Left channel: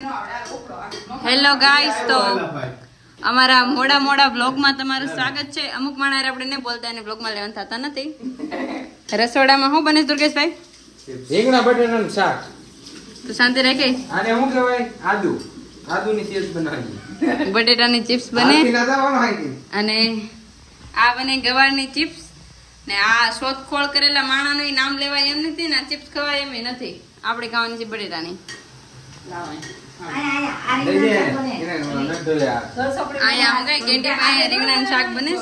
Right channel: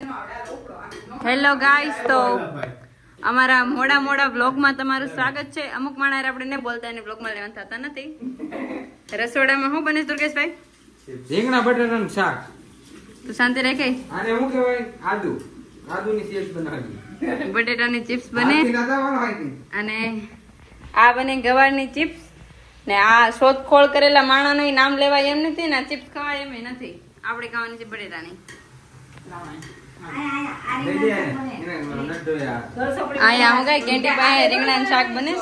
Hello guys, તો અમારા મોડા બ્લોગમાં તમારું સ્વાગત છે. અમુક માણસ આપણે ને બોલતા અને બ્લોગમાં લેવાનું થતા નથી. રસોડામાં શું બને દુર્ગેશભાઈ? રીંગણા બટાટાનું શાક. તું શાંતિ રાખે. આને શું કહેવાય? આદુની ચિપ્સ બનાવી. બટેટાની ચિપ્સ બને અને આ બને ગવારની ચિપ્સ ને આ શોધખોળ કરેલા માણાનું નામ લેવાય એમ નથી ને ચિપ્સ ખવાય એમ નથી. આપણે ખાવાની છે બટેટાની. અહીંયા હું કઈ કેન્ટી પાસે રીંગણાનું શાક બને.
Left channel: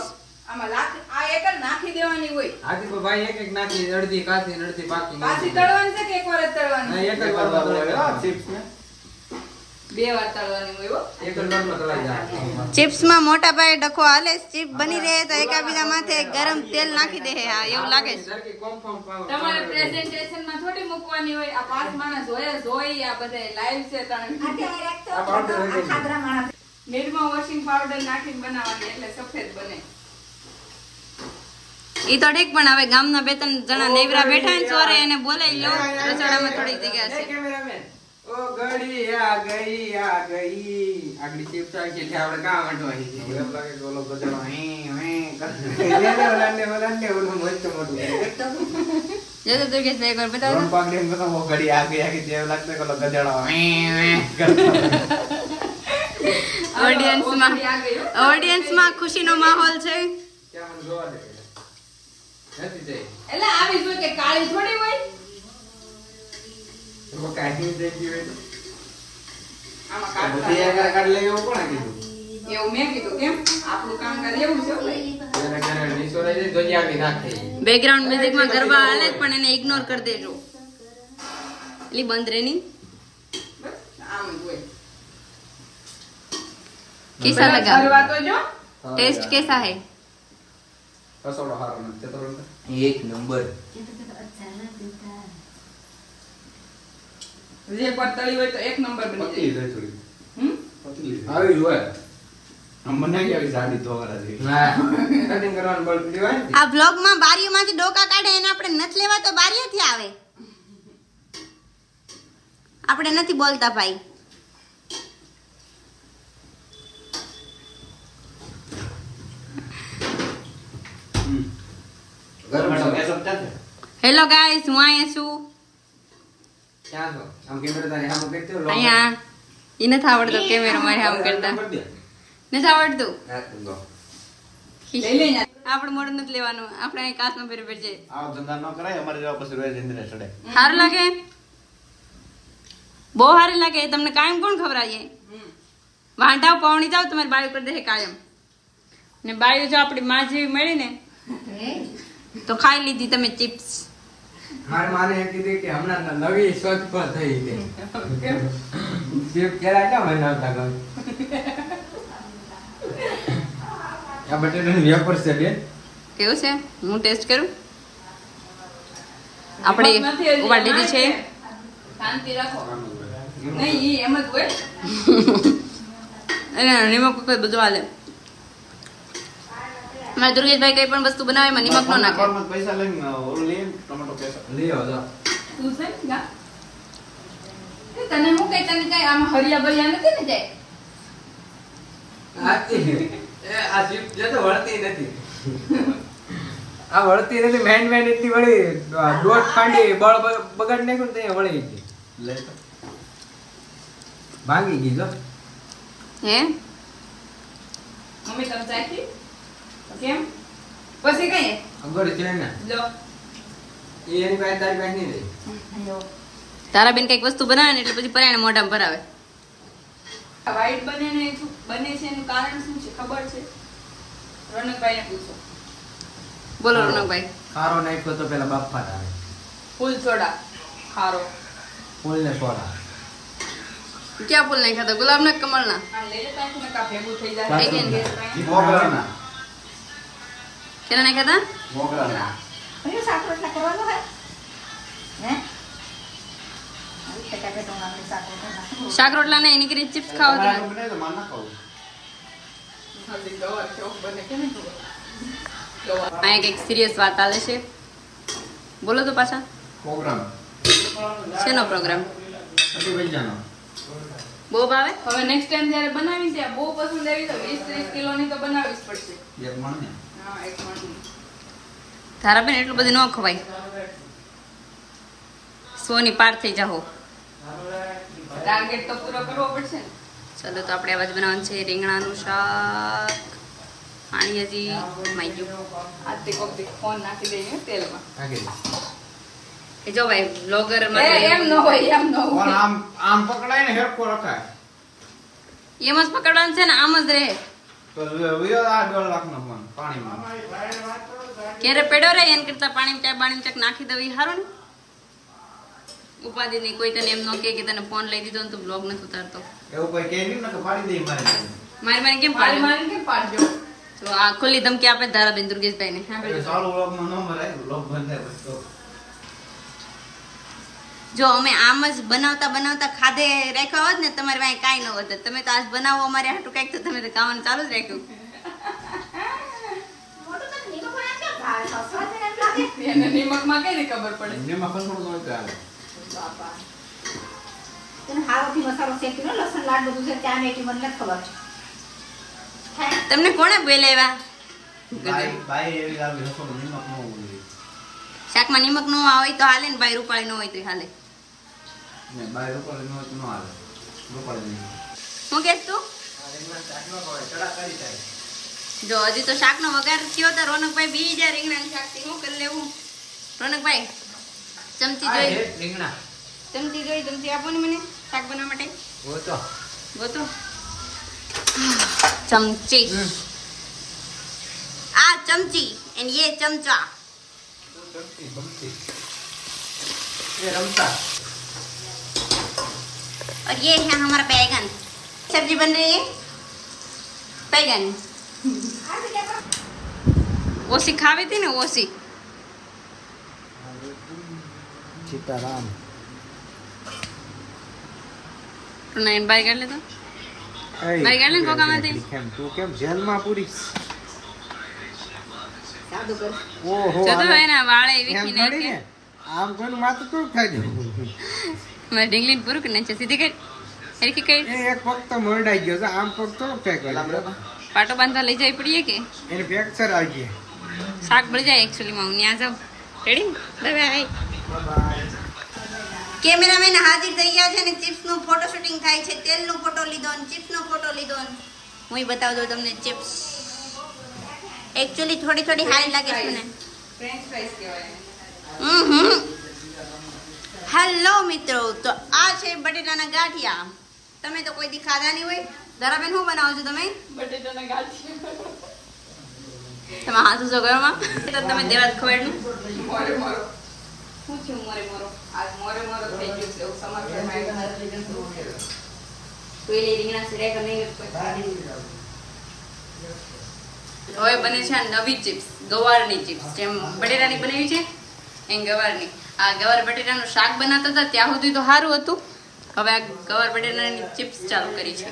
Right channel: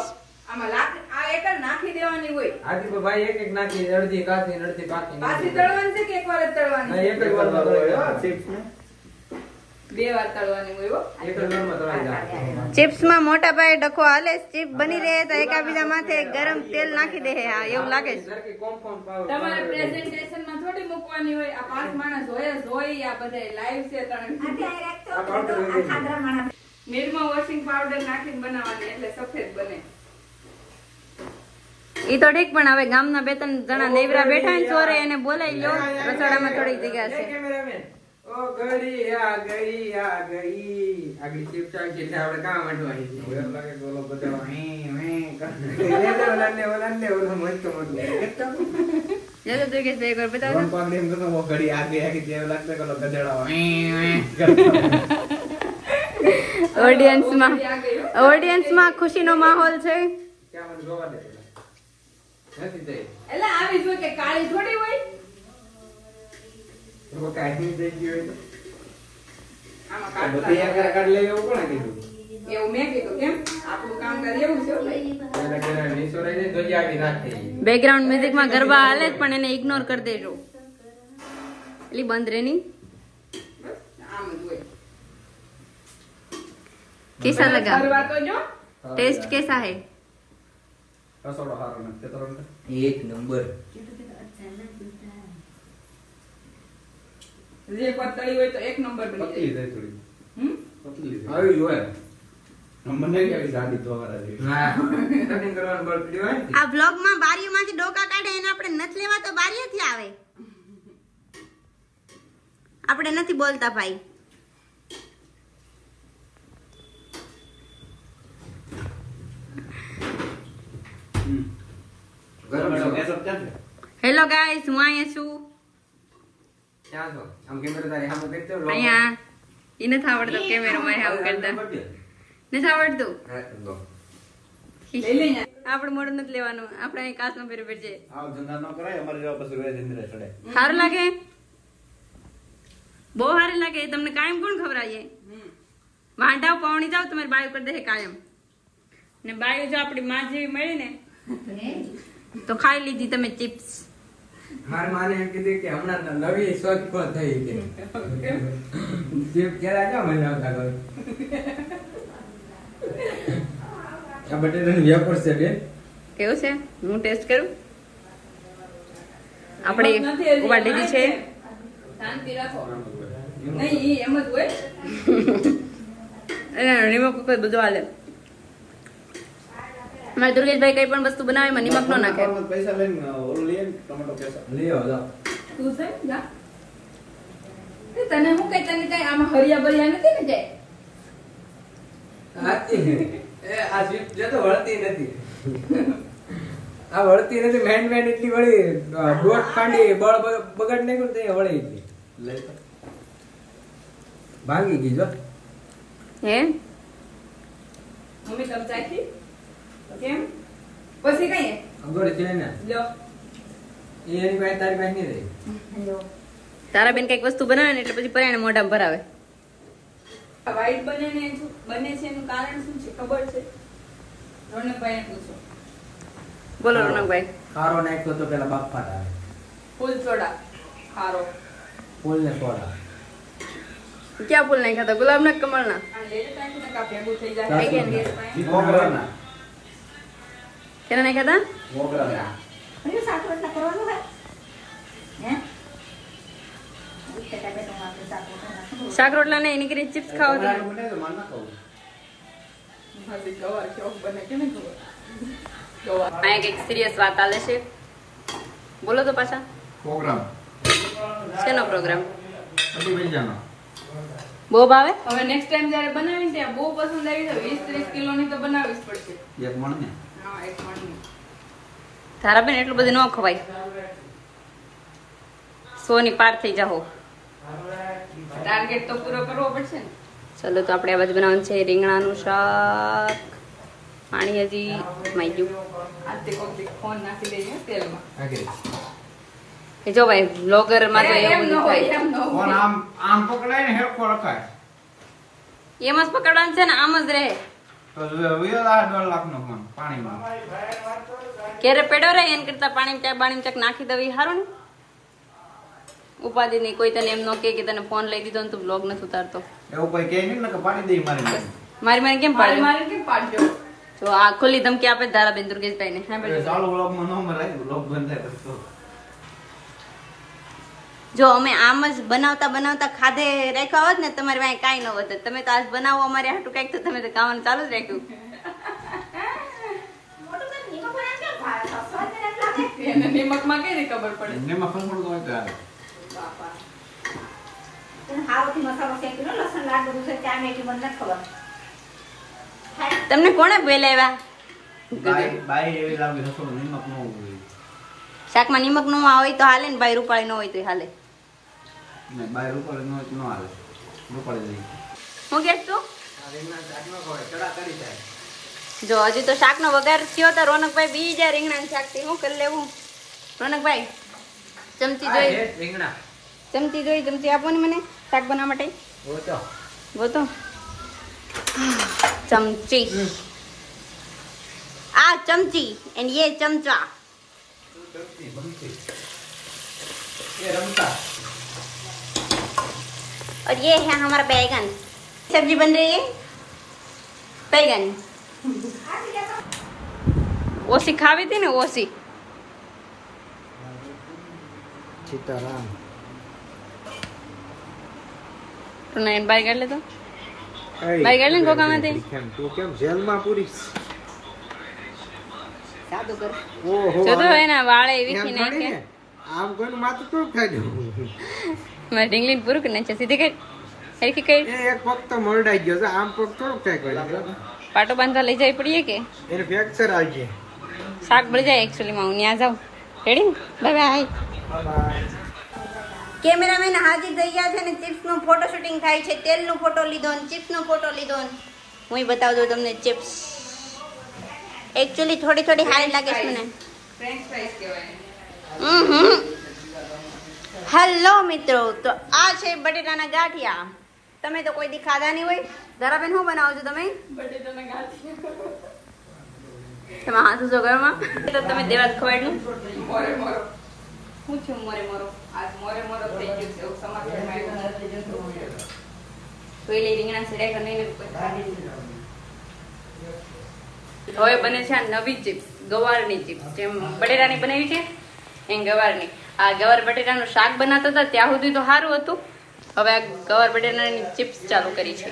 નાખી દેવાની હોય. આથી તો ભાઈ એક નાખી, અડધી કાચી અડધી પાકી. પાછી તળવાની છે કે એક વાર જ તળવાની? એક જ વારમાં તળાય ચિપ્સ ને. બે વાર તળવાની હોય. એક જ વારમાં તળાઈ જાય. ચિપ્સ માં મોટા ભાઈ ડખો હાલે. ચિપ બની રહે તો એકાબીજા માથે ગરમ તેલ નાખી દે. હા, એવું લાગે છે. તમારે પ્રેઝન્ટેશન માં થોડી મૂકવાની હોય. આ 5 માણસ હોય આ બધા લાઈવ છે. નિર્મા વોશિંગ પાવડર નાખીને બનાવવાની એટલે સફેદ બને. ઈ તો ઠીક, પણ હવે ગામના 2-3 જણા નેવરા બેઠા ને ચોરે એને બોલાવી લો. રસોડામાં થોડી જગ્યા છે. ઓ ગડી આ ગઈ આગળી ચિપ્સ આવી છે. આપણે કામ વાંટવાની છે. એમ લાગે કે ઓલો બધો ઓલાને મોટો જો તો દુર્ગેશ એક વાર બતાવો. રોન પાગડી એમ તો ગડી આ ગઈ જેવું લાગતું કે ઓલો ગધેડો ઓડિયન્સમાં ખુશીનો માહોલ છે. ક્યાં મને જોવા દે નથી જઈ. એટલે આવી જોઈએ કે કાળી થોડી હોય. તો કાઢી દઈ ગયો. આમાં બધી આગળ કાઢ લે એવું કોણે કીધું? એવું મેં કીધું. કેમ આપણું કામ કરે એવું છે ભાઈ. પેલા કરે નીચોડે દે તો આગળ નાખે. બેકગ્રાઉન્ડ મ્યુઝિકમાં ગરબા હાલે પણ એને ઇગ્નોર કરી દેજો. એટલે બંધ રે ની. આમ હોય. कैसा लगा? टेस्ट कैसा है? રસોડો હારો નથી તો એક નંબર. જે પતળી હોય તો એક નંબર બની જાય. પતલી આવી હોય. મને કેવી સાડી ધોગરા છે. ના કટિંગ કરવાનું બળ પડી હોય. આ બ્લોગ માં બારીઓમાંથી ડોકા કાઢે એને આપણે નથી લેવા તો બારીઓથી આવે. આપણે નથી બોલતા ભાઈ. હેલો ગાઈસ, હું અહીંયા છું. ક્યાં છો? આમ કેમેરા તારી સામે કરતો લો. અહીંયા ઈ નથી આવડતો કેમેરા મારી સામે કરતા. નથી આવડતું. આપણે મોડું નથી લેવાનું. આપણે અહીં કાચમાં ફેર ફેર છે. આ ધંધા ન કરાય અમારે જેવા પછી વેજ ઇન્દ્રે ચડે. સારું લાગે? બહુ સારું લાગે. તમને કાયમ કોણ ખવડાવીએ? વાંઢાવ પાવણી જાવ તમારી બાયું કરી દે કાયમ. ને બાયું જો આપણી માં જેવી મળી ને તો ખાઈ લીધી તમે ચિપ્સ. મારી માને એમ કીધું કે હમણાં નવી શોધખોળ થઈ ગઈ. ચિપ કેરા ક્યાં બનાવતા ગયો? આ બટેટાની વેફર છે બેન. કેવું છે? હું ટેસ્ટ કરું. આપણે ઉભા દીધી છે. શાંતિ રાખો. નહીં ઈ એમ જ હોય. એને નિમક કોઈ બધું હાલે. મારે દુર્ગેશભાઈ કઈ પણ વસ્તુ બનાવે એમાં નિમક ન નાખે. પૈસા લઈને ઓલું લઈએ ટમેટો પૈસા લીઓ જા. તું છે જા. તને હું કઈ આમાં હરિયા બરિયા નથી ને જાય. આ ચિપ જે તો વળતી નથી. આ વળતી નથી. મેન એટલી વળી દોટ પાંડી બળ બગાડ નાખ્યું તો એ વળી ગઈ. લે તો ભાંગી ગઈ જો. હે મમ્મી તમ ચાખી કેમ પછી કઈ અગર છે ને લો એની પાસે તારી પાસે નહીં રહી. તારા બેન કઈક વસ્તુ બનાવે ને એટલે પછી પરાણે મોઢામાં ભરાવે. વાઈટ બને છે એનું કારણ શું છે ખબર છે? રોનકભાઈને પૂછો. બોલો રોનકભાઈ. ખારો નાખ્યો તો પેલા બાપ ફાટા આવે. ફૂલ સોડા ખારો. ફૂલ ને સોડા. ક્યાં ફૂલ નહીં ખાતા? ગુલાબ ના કમળ ના. મોગરાના કેના નહીં ખાતા? મોગરાના શાક રોટલા ને એની કરી ચિપ્સ ખાવા બને તો માર ના ખાવું. અહીંયા કઈક સિરિયસ વાત ચાલે છે. બોલો તો પાછા. પ્રોગ્રામ શેનો પ્રોગ્રામ? અભિભાઈ જાનો બહુ ભાવે હવે નેક્સ્ટ ટાઈમ જ્યારે બનાવી ત્યાં બહુ પસંદ આવી તો 20-30 કિલોની તો બનાવવી જ પડશે. એક મણ ને હા, એક મણની. ધારાબેન એટલું બધું ન ખવાય 100 ની પાર થઈ જાઓ. ટાર્ગેટ તો પૂરો કરવો પડશે ને. ચલો તો આપણે આ બાજુ બનાવવાનું છે રીંગણાનું શાક. પાણી હજી માઈ ગયું. આજથી કોક દી ફોન નાખી દઈએ તેલમાં. એ જો ભાઈ બ્લોગર માટે એમ ન હોય, એમ ન કોણ હોય. આમ પકડાય ને હેરખો રખાય એમ જ પકડવાનું છે ને આમ જ રહે. તો વિયો આ 2 લાખનો ફોન પાણીમાં ક્યારે પેડો રહે એન કરતા પાણી ચાક નાખી દવી સારું ને. ઉપાધિ નહીં, કોઈ તને એમ ન કે તને ફોન લઈ દીધો ને તું બ્લોગ નથી ઉતારતો. એવું કોઈ કહે નહીં ને કે પાડી દે મારી મારી મને કેમ મારી પાડે? મારી કેમ પાડજો? તો આ ખુલ્લી ધમકી આપે ધારાબેન દુર્ગેશભાઈ ને. હા ભાઈ ચાલુ વ્લોગમાં નો મરાય વ્લોગ બંધ થાય પછી તો જો અમે આમ જ બનાવતા ખાધે રાખ્યા હોત ને તમારે વાંહે કાંઈ ન હોત. તમે તો આજ બનાવો અમારે હાટું કાંઈક તો તમે તો ખાવાનું ચાલુ જ રાખ્યું. એને નિમકમાં કઈ રીતે ખબર પડે? એમનેમાં ખસમણ તો હોય આવે તમને કોણે બોલાવ્યા? બાઈ એવી લાગે રસોડું નિમક નો હોય શાકમાં નિમક નું હોય તો હાલે ને, ભાઈ રૂપાળી ન હોય તો હાલે. ને બાઈ રૂપાળી નો હોય તો નો હાલે રૂપાળી નહીં શું કહેશ તું? જો હજી તો શાકનો વઘાર થયો તો રોનકભાઈ બીજા રીંગણાનું શાક ધીમું કરી લેવું. રોનકભાઈ ચમચી જોઈ રીંગણા ચમચી આપો ને મને શાક બનાવવા માટે. ગોતો ચમચી. આ ચમચી એન્ડ ये चमचा और ये है हमारा बैगन. सब्जी बन रही है बैगन. ओसी खावी थी ने ओसी. સીતારામ तो नयन बाय कर ले तो બાઈ ગાડી ને કોકામાંથી તું કેમ જેલમાં પૂરી ઓહો જો તો એના વાળે વીખી એમ નાખે. થોડી ને. આમ કોઈનું માથું થોડું ખાઈ દેવું મારે ઢીંગલી પૂરું કરી નાખે સીધી કરી હરખી કરી એ એક પગ તો મરડાઈ ગયો છે આમ પગ થોડોક થાય કોઈ પાટો બાંધવા લઈ જવી પડીએ કે એને ફ્રેક્ચર આવી ગઈ શાક બળી જાય એકચ્યુઅલી માં હું ત્યાં જાઉં. Ready by. કેમેરામેન હાજર થઈ ગયા છે ને ચિપ્સ નું ફોટો શૂટિંગ થાય છે. તેલ નો ફોટો લીધો ને ચિપ્સ નો ફોટો લીધો ને હું બતાવી દઉં તમને ચિપ્સ. એકચ્યુઅલી થોડી હારી લાગે છે મને. ફ્રેન્ચ ફ્રાઈસ કહેવાય. હેલો મિત્રો, તો આ છે બટેટાના ગાંઠિયા. તમે તો કોઈ દી ખાધા નહીં હોય. ધારાબેન શું બનાવો છો તમે? બટેટાના ગાંઠિયા. તમે હાથ ઉસો ઘરમાં તો તમે દેવાત ખવાડલું. મોરે મોરો. શું થયું મોરે મોરો? આજ મોરે મોરો થઈ ગયું છે એવું સમાચાર આવ્યું. તો એ રીંગણા સિરાય કરી નહીં હવે બને છે આ નવી ચિપ્સ, ગવારની ચિપ્સ. જેમ બટેટાની બનાવી છે એમ ગવારની. આ ગવાર બટેટાનું શાક બનાવતા હતા ત્યાં સુધી તો સારું હતું. હવે આ ગવાર બટેટાની ચિપ્સ ચાલુ કરી છે.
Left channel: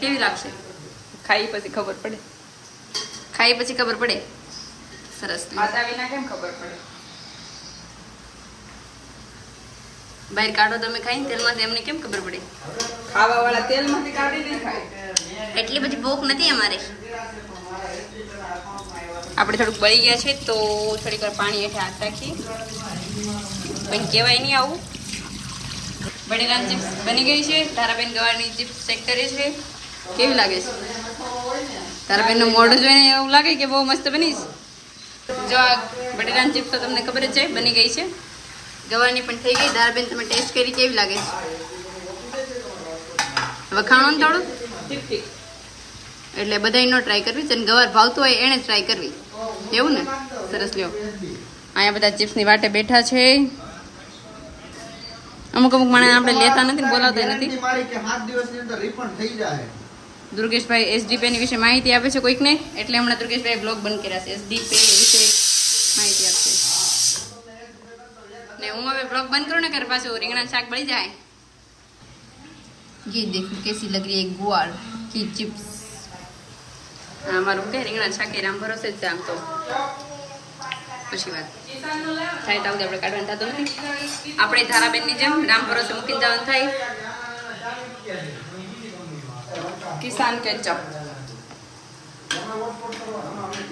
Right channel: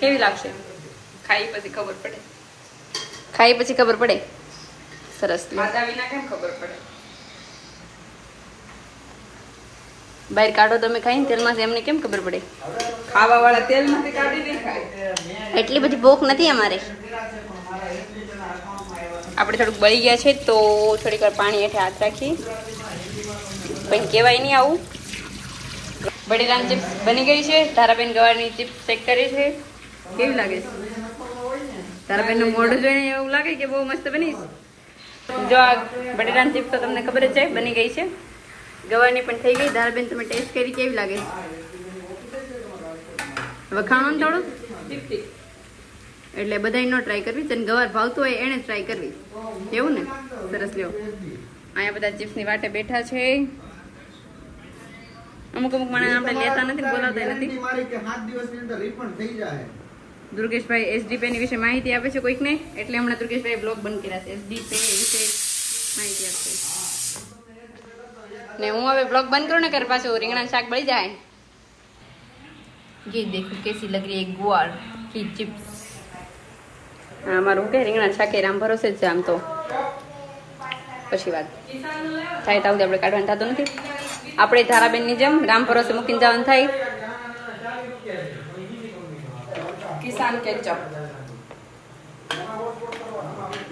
કેવી લાગશે? ખાઈ પછી ખબર પડે. ખાઈ પછી ખબર પડે. સરસ. ખાધા વિના કેમ ખબર પડે? બહાર કાઢો તમે ખાઈને તેલમાંથી એમને કેમ ખબર પડે? ખાવા વાળા તેલમાંથી કાઢી નહીં ખાય. એટલી બધી ભૂખ નથી અમારે. આપણે થોડુંક બળી ગયા છે તો થોડીક વાર પાણી હેઠે હાથ રાખી. પણ કહેવાય નહીં આવું. બટેટાની ચિપ્સ બની ગઈ છે. ધારાબેન ગવારની ચિપ્સ ચેક કરે છે. કેવી લાગે છે? ધારાબેનનું મોઢું જોઈને એવું લાગે કે બહુ મસ્ત બની છે. જો આ બટેટાની ચિપ્સ તો તમને ખબર જ છે બની ગઈ છે. ગવારની પણ થઈ ગઈ. ધારાબેન તમે ટેસ્ટ કરી કેવી લાગે છે? વખાણો ને થોડું ઠીક ઠીક. એટલે બધાય નો ટ્રાય કરવી. જેને ગવાર ભાવતું હોય એને જ ટ્રાય કરવી. એવું ને? સરસ. લ્યો અહીંયા બધા ચિપ્સની વાટે બેઠા છે. અમુક માણસ આપણે લેતા નથી, બોલાવતા નથી. મારી કે 7 દિવસની અંદર રિફંડ થઈ જાય. દુર્ગેશભાઈ એસડી પે ની વિશે માહિતી આપે છે કોઈકને, એટલે હમણાં દુર્ગેશભાઈ બ્લોગ બંધ કર્યા છે. એસડી પે વિશે માહિતી આપશે ને હું હવે બ્લોગ બંધ કરું ને કે પાછું રીંગણા શાક બળી જાય. ये देखो कैसी लग रही है गुआर की चिप्स. હા મારું કે રીંગણા શાકે રામ ભરોસે જ આમ તો પછી વાત થાય તો આપણે કાઢવાનું થતું નથી. આપણે ધારાબેનની જેમ રામ ભરોસે મૂકીને જવાનું થાય. કિસાન કેચઅપ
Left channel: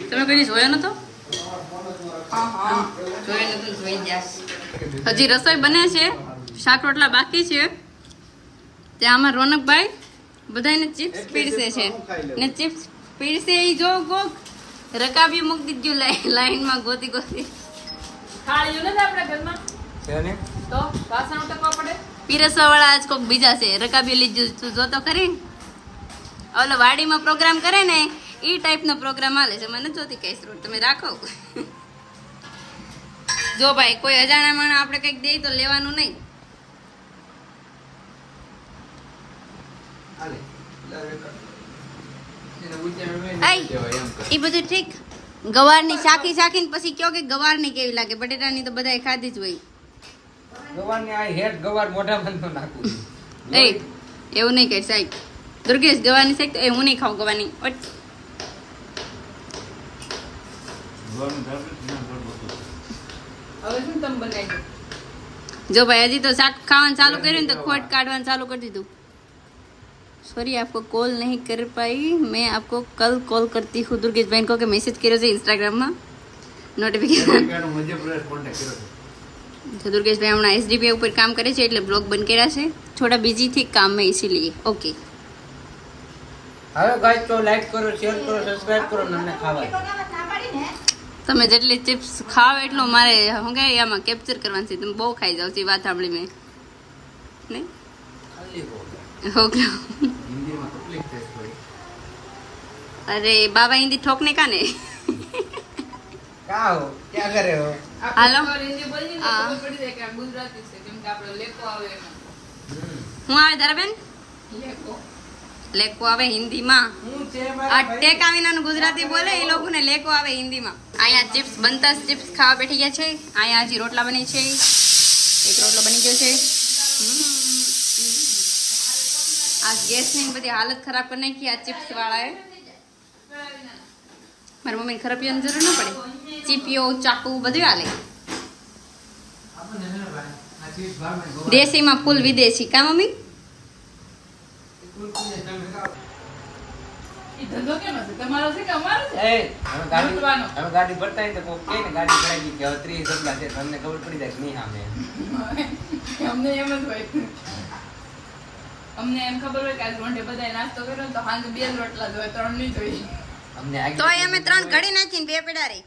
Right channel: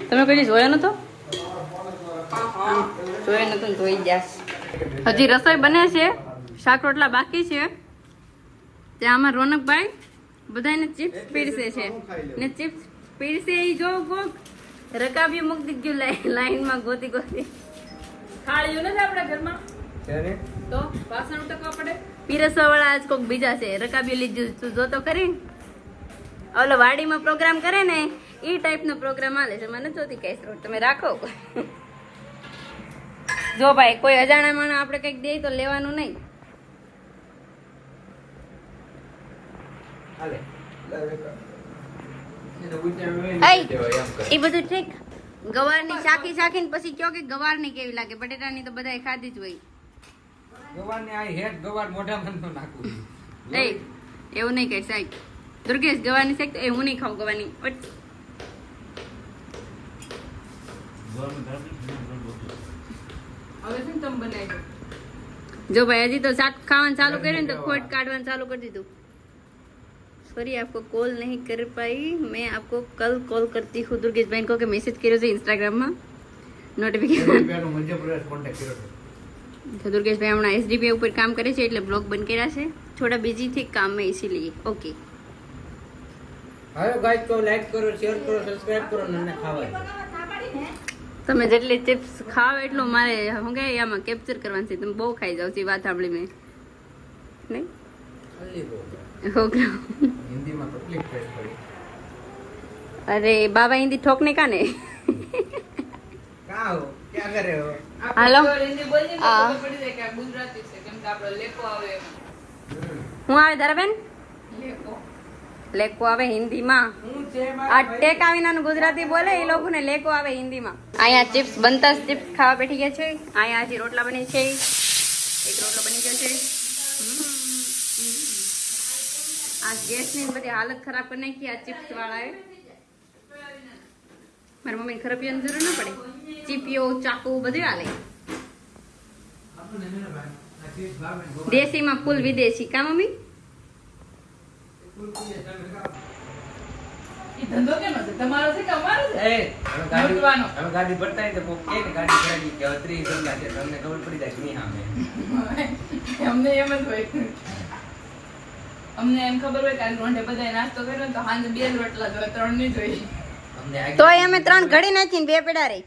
તમે કદી જોયો નતો? જોયો નતો ને જોઈ ગયા. હજી રસોઈ બને છે, શાક રોટલા બાકી છે. ત્યાં આમાં રોનકભાઈ બધાને ચિપ્સ પીરસે છે ને ચિપ્સ પીરસે ઈ જો કોક રકાબી મૂકી દીધું લાઈનમાં ગોતી ગોતી. થાળીઓ નથી આપણા ઘરમાં તો વાસણ ઉટકવા પડે. પીરસવા વાળા આજ કોક બીજા છે. રકાબી લીધું તું જોતો ખરી. ઓલો વાડીમાં પ્રોગ્રામ કરે ને ઈ ટાઈપનો પ્રોગ્રામ હાલે છે. મને જોતી કઈશ રોડ તમે રાખો. જો ભાઈ કોઈ અજાણા માણસ આપણે કઈક દે તો લેવાનું નહીં. એ બધું ઠીક. ગવારની શાખી શાખી ને પછી કયો કે ગવારની કેવી લાગે. બટેટાની તો બધાએ ખાધી જ હોય. ગવારની આ હેડ ગવાર મોઢામાં ન નાખું. એ એવું નહીં કહે સાહેબ. દુર્ગેશ ગવાની શેક તો એ હું નહીં ખાઉં ગવાની. હવે શું તમે બનાવી દો. જો ભાઈ હજી તો શાક ખાવાનું ચાલુ કર્યું ને તો ખોટ કાઢવાનું ચાલુ કરી દીધું. सॉरी आपको कॉल नहीं कर पाई. मैं आपको कल कॉल करती हूँ. दुर्गेश भाई को के मैसेज કર્યો છે ઇન્સ્ટાગ્રામ માં નોટિફિકેશન. तो दुर्गेश भाई हमारा एसडीपी ऊपर काम करे છે એટલે બ્લોગ બંધ કર્યા છે. થોડા बिजी थी काम में इसीलिए. ओके હવે ગાઈસ તો લાઈક કરો, શેર કરો, સબસ્ક્રાઇબ કરો ને અમને ખાવા. તમે જેટલી ચિપ્સ ખાવ એટલું મારે હું કે આમાં કેપ્ચર કરવાનું છે. તમે બહુ ખાઈ જાવ છો વાત સાંભળી મેં નહીં. हिंदी में तकलीफ है थोड़ी. अरे बाबा हिंदी ठोकने का ने क्या हो क्या करे हो. હાલો हिंदी बोलनी तो खबर पड़ी જાય કે આ ગુજરાતી છે કેમ કે આપણો લેકો આવે એમાં. હું આવે ધરાબેન લેકો લેકો આવે હિન્દીમાં. હું છે આ ટેકા વિનાનું ગુજરાતી બોલે એ લોકોને લેકો આવે હિન્દીમાં. અહીંયા ચિપ્સ બનતા ચિપ્સ ખાવા બેઠી ગયા છે. અહીંયા હજી રોટલા બની છે. એક રોટલો બની ગયો છે. આ ગેસની બધી હાલત ખરાબ કરી નાખી આ ચિપ્સ વાળાએ. મારી મમ્મીને ખરાબીઓની જરૂર ના પડે. ચીપીઓ ચાકુ બધું હાલે. દેશીમાં ફૂલ વિદેશી કા મમ્મી. ઈ ધંધો કેમ છે તમારો છે કે અમારો છે? એ લૂંટવાનો. હવે ગાડી ભરતા હોય તો કોક કહે ને ગાડી ભરાઈ ગઈ કે 30 ગમલા છે તમને ખબર પડી જાય કે નહીં સામે. અમને એમ જ હોય. અમને એમ ખબર હોય કે આજ રોંઢે બધાએ નાસ્તો કર્યો ને તો સાંજે 2 જ રોટલા જોઈએ 3 નહીં જોઈએ. અમને આગે તોય અમે 3 ઘડી નાખીને 2 પેડા રહી.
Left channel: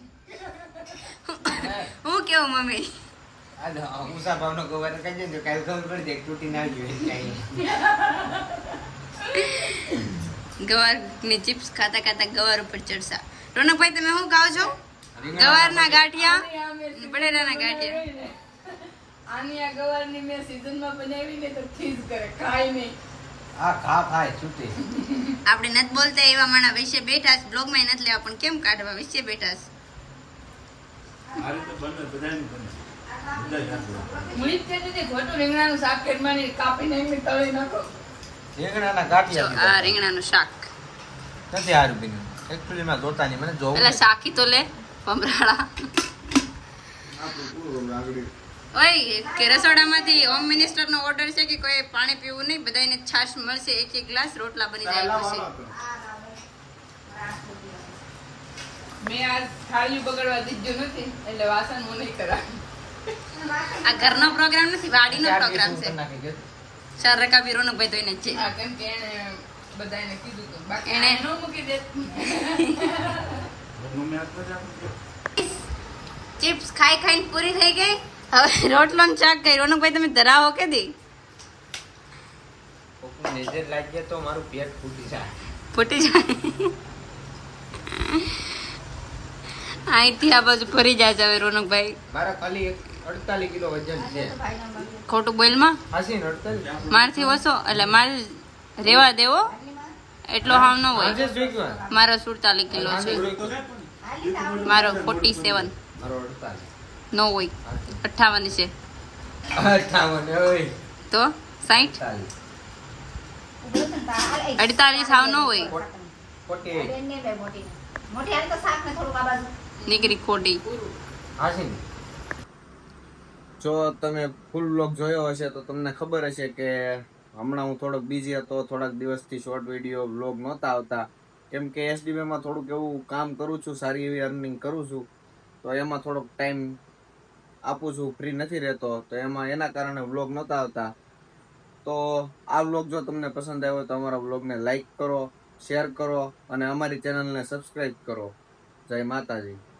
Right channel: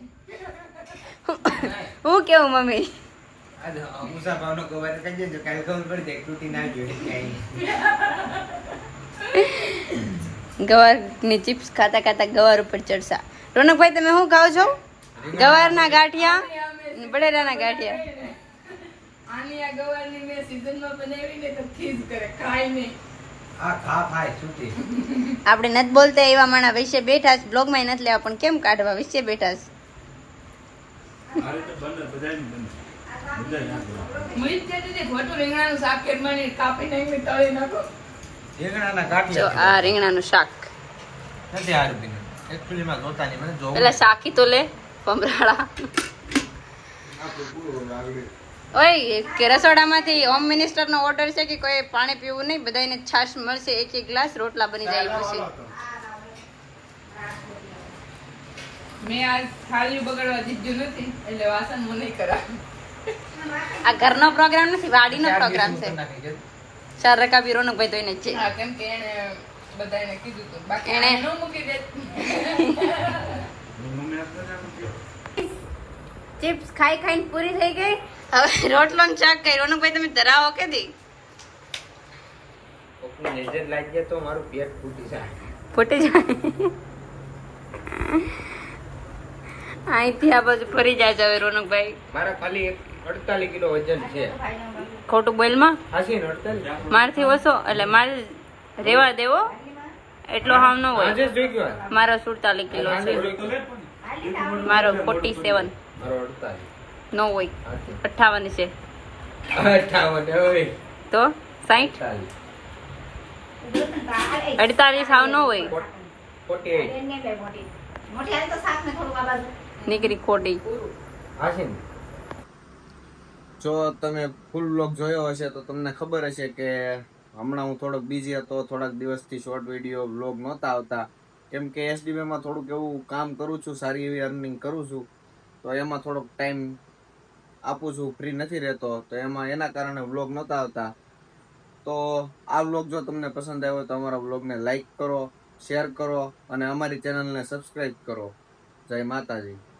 હું કેવું મમ્મી આજ મુસા ભાવનો ગવાર કહી દેજો કાલ ખબર પડી જાય તૂટી ના ગયો કાઈ. ગવારની ચિપ્સ ખાતા ખાતા ગવાર ઉપર ચડસા. રોનકભાઈ તમે શું ખાઓ છો? ગવારના ગાંઠિયા ને બટેટાના ગાંઠિયા. આની આ ગવારની મેં સીઝનમાં બનાવી ને તો ખીજ કરે ખાય નહીં. આ ખા ખાય છૂટી. આપણે નથી બોલતા એવા માણા વિશે બેઠા છે. બ્લોગમાં નથી લેવા પણ કેમ કાઢવા વિશે બેઠા છે. હું ઈ જ કહેતી હતી ખોટું રીંગણાનું શાક કેડમાની કાપી નાખીને તળી નાખો. રીંગણાના જો ગાંઠિયા આ રીંગણાનું શાક. નથી હારું બીનું એકચ્યુઅલી માં જોતાની મને જોવું. પેલા શાકી તો લે ભમરાળા. ઓય કે રસોડામાંથી હોમ મિનિસ્ટર નો ઓર્ડર છે કે કોઈ પાણી પીવું નહીં. બધાને છાશ મળશે. એક ગ્લાસ રોટલા બની જાય પછી. મેં આ થાળીઓ બગાડવા દીધું નથી એટલે વાસણ હું નહીં કરાવું. આ ઘરનો પ્રોગ્રામ નથી વાડીનો પ્રોગ્રામ છે. 4 રકાબી રોનકભાઈ તો એને જ છે. હા, કેમ કે એને બધાને કીધું હતું બાકી એને- એને ન મૂકી દે. ચિપ્સ ખાઈ ખાઈને પૂરી થઈ ગઈ. હવે રોટલો ને શાક કઈ. રોનકભાઈ તમે ધરાવો કે દી કોકની નજર લાગી જાય તો મારું પેટ ફૂટી જાય. ફૂટી જાય. અહીંથી આ બાજુ ફરી જાય છે હવે રોનકભાઈ. મારા ખાલી 48 કિલો વજન છે. ખોટું બોલમાં હાસી ને 48 મારથી ઓછો એટલે માર રેવા દેવો એટલો હાવ ન હોય. આજે જોઈ ગયો મારો 47 કિલો છે. મારો 47 મારો 48 ન હોય 58 છે 58 ઓય તો 60 48 હાવ ન હોય. 48 નીકળી ખોટી. હાસી જો તમે ફૂલ વ્લોગ જોયો હશે તો તમને ખબર હશે કે હમણાં હું થોડોક બિઝી હતો, થોડાક દિવસથી શોર્ટ વિડીયો વ્લોગ નહોતા આવતા, કેમ કે એસડીબીમાં થોડુંક એવું કામ કરું છું, સારી એવી અર્નિંગ કરું છું, તો એમાં થોડોક ટાઈમ આપું છું, ફ્રી નથી રહેતો, તો એના કારણે વ્લોગ નહોતા આવતા. તો આ વ્લોગ જો તમને પસંદ આવ્યો તો અમારા વ્લોગને લાઈક કરો, શેર કરો અને અમારી ચેનલને સબસ્ક્રાઈબ કરો. જય માતાજી.